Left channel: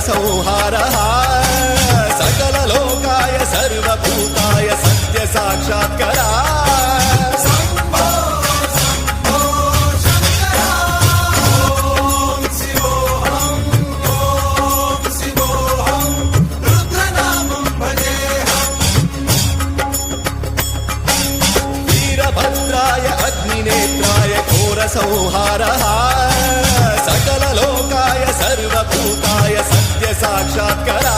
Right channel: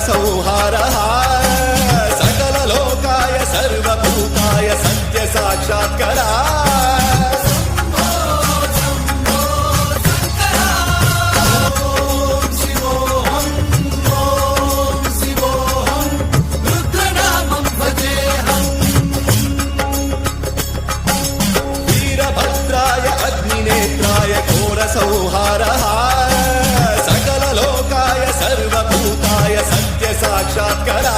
संहारः सकललोकाय सर्वभूताय सत्य साक्षात्करा वीरभद्राय अग्निनेत्राय घोरसंहारः सकललोकाय सर्वभूताय सत्य साक्षात्करा